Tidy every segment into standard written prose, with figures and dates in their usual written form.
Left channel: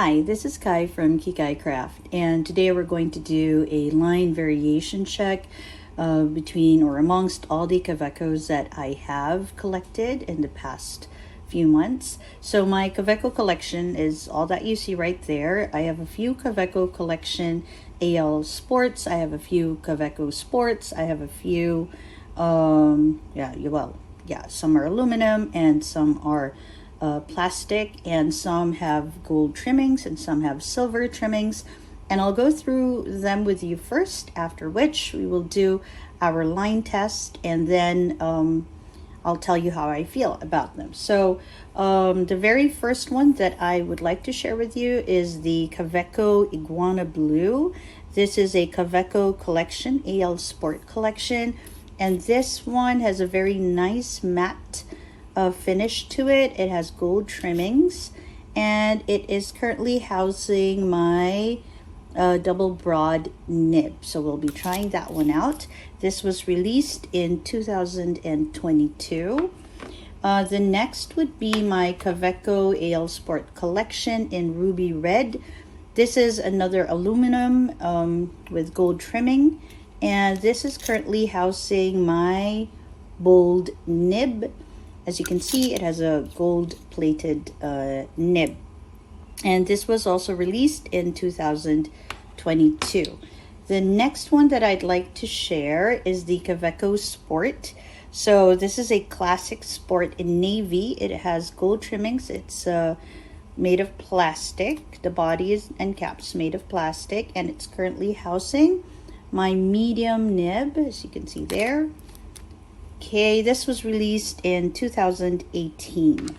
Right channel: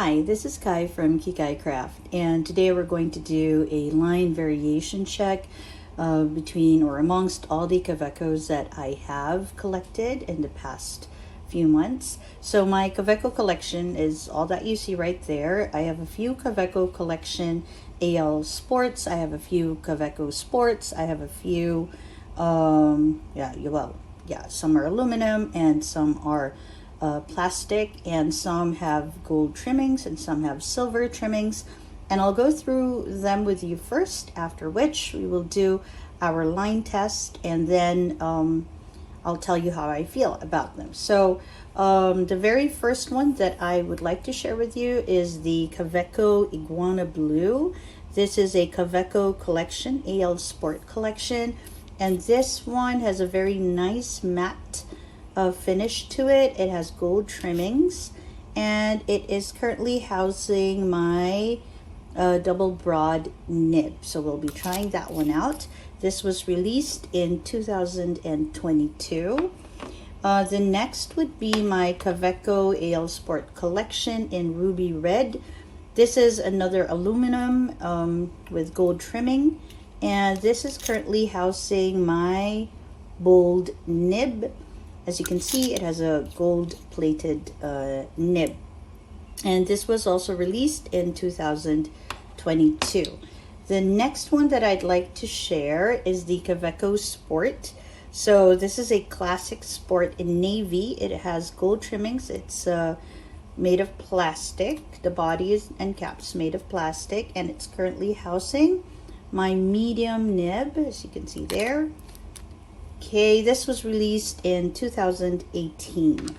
Hi, this is Kai from Kikai Craft, and today we're going to do a line variation check between or amongst all the Kawecos that I have collected in the past few months. So my Kaweco collection is all that you see right there. I have a few Kaweco collection AL Sports, I have a few Kaweco Sports, I have a few, some are aluminum and some are plastic, and some have gold trimmings and some have silver trimmings, and I'll go through them with you first, after which we will do our line test, and then I'll tell you how I feel about them. So the very first one that I would like to share with you is the Kaweco Iguana Blue. This is a Kaweco collection, AL Sport collection, and this one has a very nice matte finish to it. It has gold trimmings, and it is currently housing my double broad nib. So we'll be trying that one out. This was released in 2022. The next would be my Kaweco AL Sport collection in ruby red. This is another aluminum with gold trimming, and this is currently housing my bold nib. As you can see, it has a gold-plated nib. And this was also released in 2022. The next one that I'd like to share is the Kaweco Sport. So this is a classic sport in navy. It has gold trimmings. It's made of plastic. The body is and caps made of plastic, and it's currently housing my medium nib, as you can see there. Okay, this was released in 2018.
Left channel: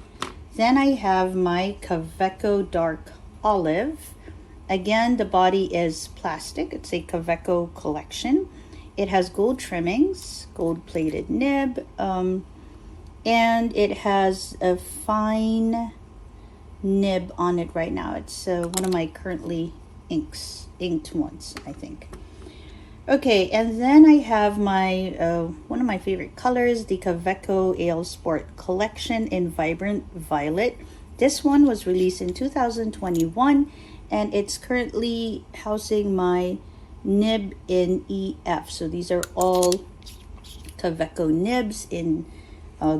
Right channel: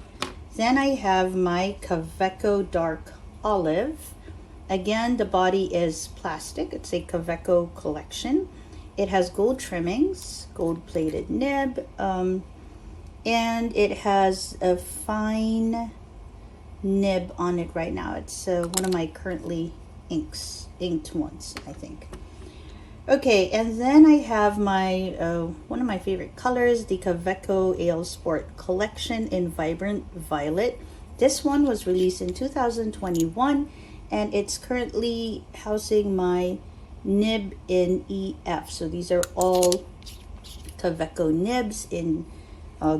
Then I have my Kaweco Dark Olive. Again, the body is plastic. It's a Kaweco collection. It has gold trimmings, gold-plated nib, and it has a fine nib on it right now. It's one of my currently inked ones, I think. Okay, and then I have my one of my favorite colors, the Kaweco AL Sport collection in Vibrant Violet. This one was released in 2021, and it's currently housing my nib in EF. So these are all Kaweco nibs in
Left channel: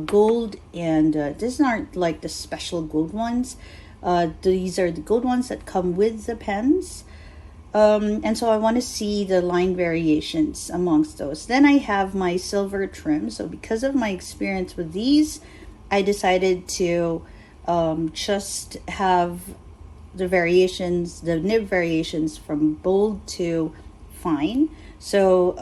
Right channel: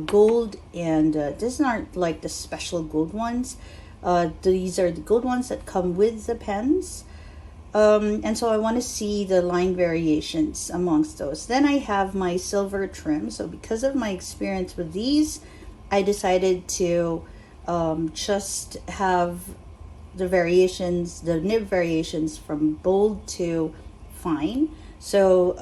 gold, and these aren't like the special gold ones. These are the gold ones that come with the pens. And so I want to see the line variations amongst those. Then I have my silver trim. So because of my experience with these, I decided to just have the variations, the nib variations from bold to fine. So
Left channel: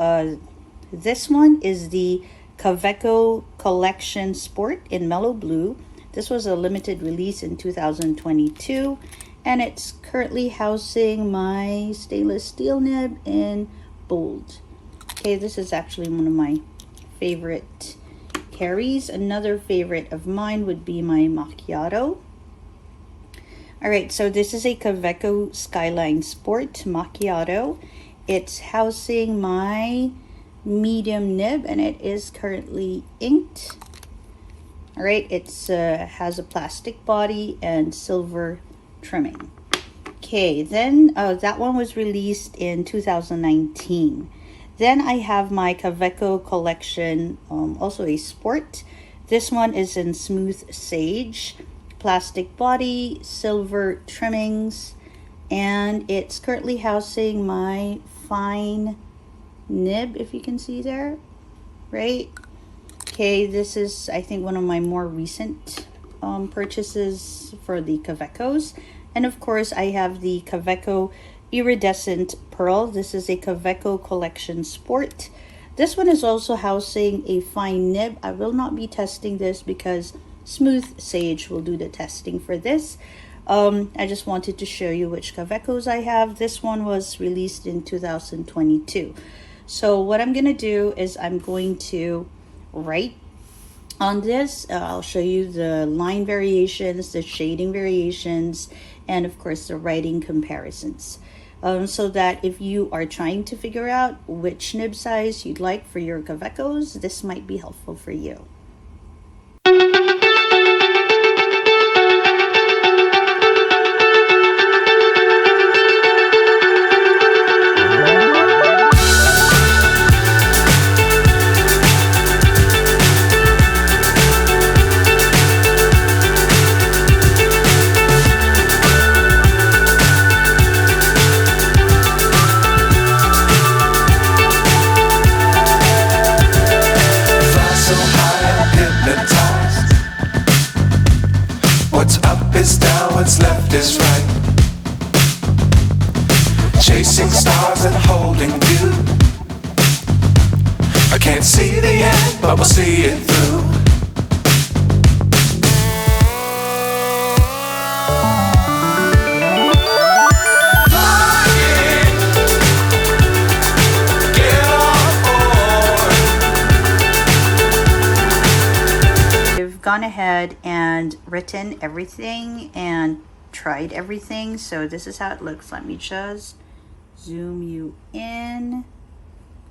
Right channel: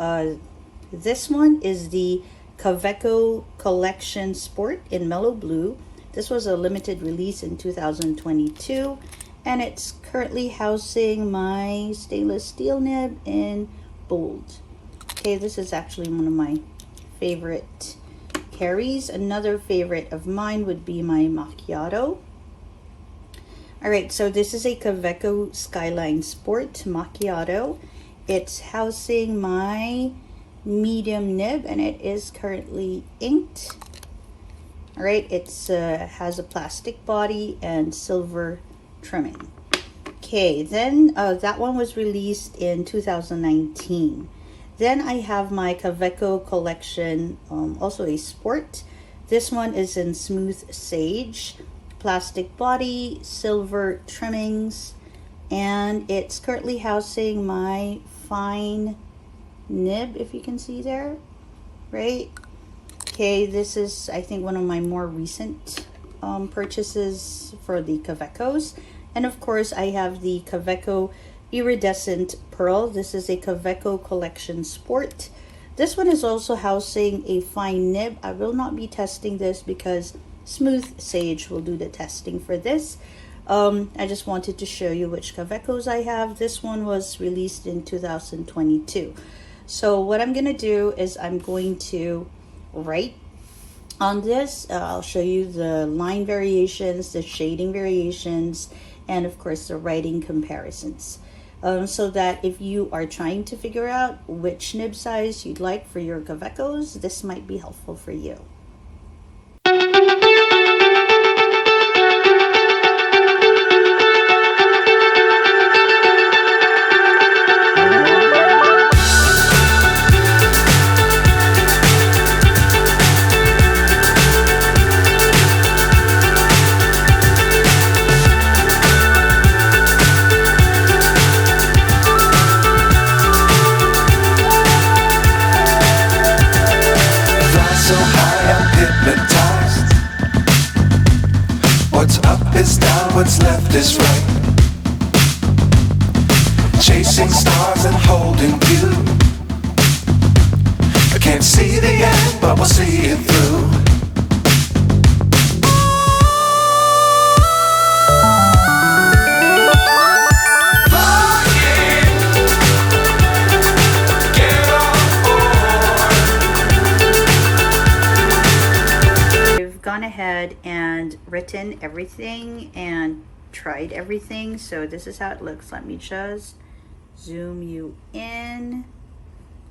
this one is the Kaweco Collection Sport in Mellow Blue. This was a limited release in 2022. And it's currently housing my stainless steel nib in bold. Okay, this is actually one of my favorite carries. Another favorite of mine would be my macchiato. All right, so this is a Kaweco Skyline Sport macchiato. It's housing my medium nib, and it is currently inked. All right, it's has a plastic body and silver trimming. Okay, then that one was released in 2019. Then I have my Kaweco collection, also a sport. This one is in smooth sage, plastic body, silver trimmings, and it's currently housing my fine nib, if you can see there, right? Okay, this is, I think, one of my more recent purchases for the Kawecos. And of course, I have the Kaweco Iridescent Pearl. This is a Kaweco Collection Sport. This one is also housing a fine nib. I will not be testing this because Smooth Sage will do the testing for this. I just wanted to show you which Kawecos I have. This one was released in 2022. So what I'm going to do is I'm going to write on this. I'll show you the line variations, the shading variations, and of course the writing comparisons. So that if you are trying to figure out which nib size you'd like for your Kawecos, this might be helpful for you. is down, what's left is right. Chasing stars and holding you. I can't see the end, but we'll see it through. Gone ahead and written everything and tried everything, so this is how it looks. Let me just zoom you in.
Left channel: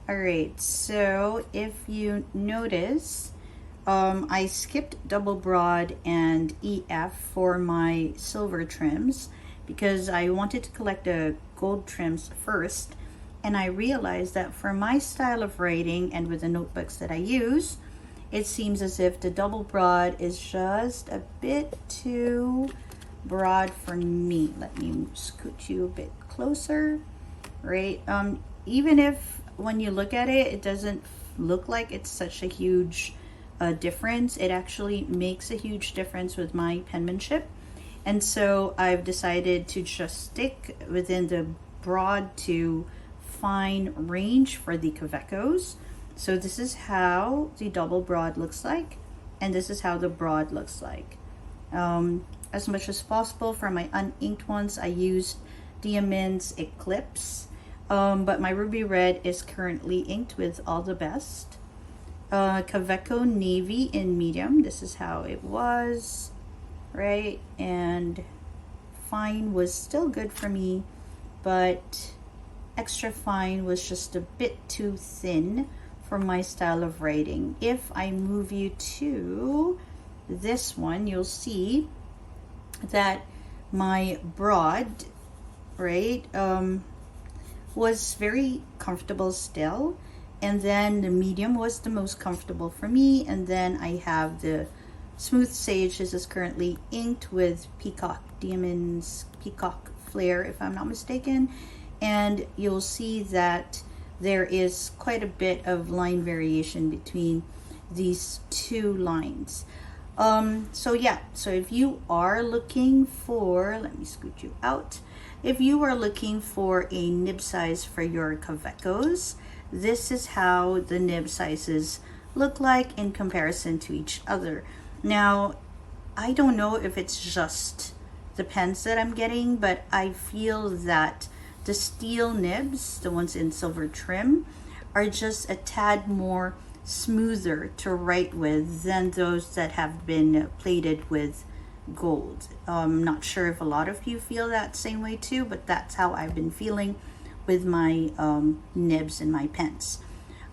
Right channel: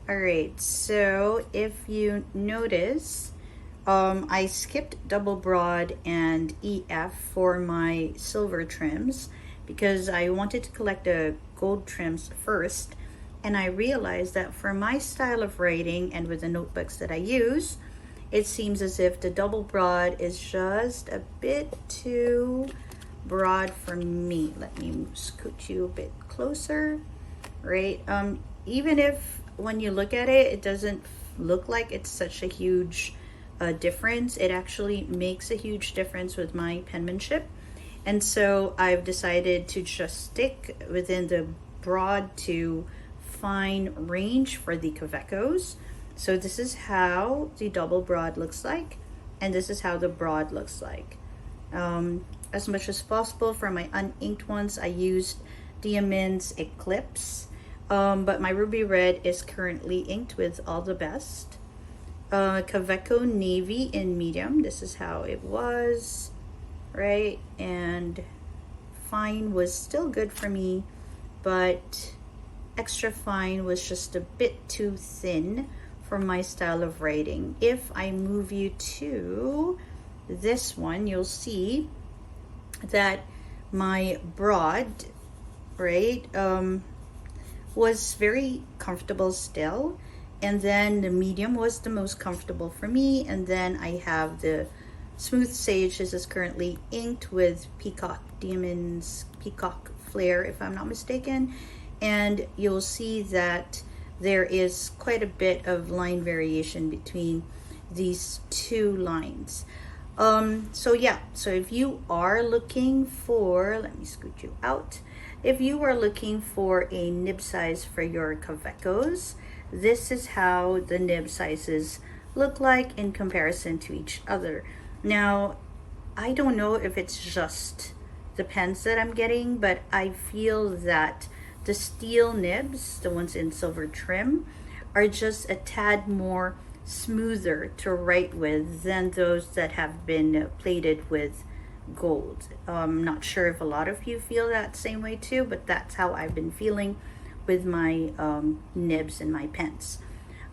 All right, so if you notice, I skipped double broad and EF for my silver trims because I wanted to collect the gold trims first, and I realized that for my style of writing and with the notebooks that I use, it seems as if the double broad is just a bit too broad for me. Let me scoot you a bit closer, right? Even if when you look at it, it doesn't look like it's such a huge difference, it actually makes a huge difference with my penmanship. And so I've decided to just stick within the broad to fine range for the Kawecos. So this is how the double broad looks like, and this is how the broad looks like. As much as possible for my uninked ones, I used Diamond's Eclipse, but my Ruby Red is currently inked with All the Best. Kaweco Navy in medium, this is how it was, right? And fine was still good for me, but extra fine was just a bit too thin for my style of writing. If I move you to this one, you'll see that my broad, right, was very comfortable still, and then the medium was the most comfortable for me, and then I have the Smooth Sage. This is currently inked with Peacock Diamond's Peacock Flare, if I'm not mistaken, and you'll see that there is quite a bit of line variation between these two lines. So yeah, so if you are looking for, let me scoot you out. If you are looking for a nib size for your Kawecos, this is how the nib sizes look like in comparison to each other. Now, I don't know if it's just the pens that I'm getting, but I feel that the steel nibs, the ones in silver trim, are just a tad more smoother to write with than those that have been plated with gold. I'm not sure if a lot of you feel that same way too, but that's how I've been feeling with my nibs and my pens.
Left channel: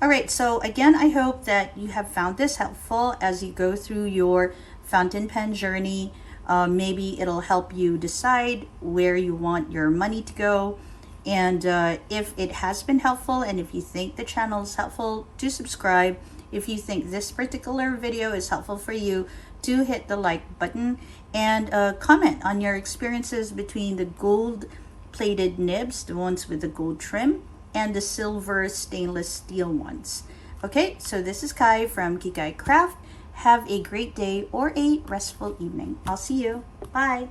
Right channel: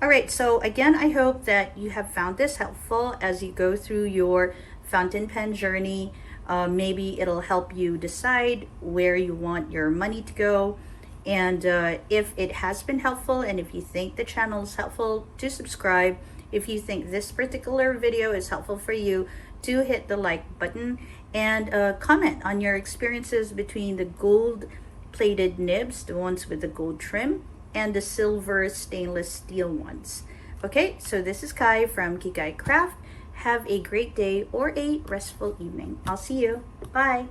All right, so again, I hope that you have found this helpful as you go through your fountain pen journey. Maybe it'll help you decide where you want your money to go. And if it has been helpful, and if you think the channel is helpful, do subscribe. If you think this particular video is helpful for you, do hit the like button and comment on your experiences between the gold plated nibs, the ones with the gold trim, and the silver stainless steel ones. Okay, so this is Kai from Kikai Craft. Have a great day or a restful evening. I'll see you. Bye.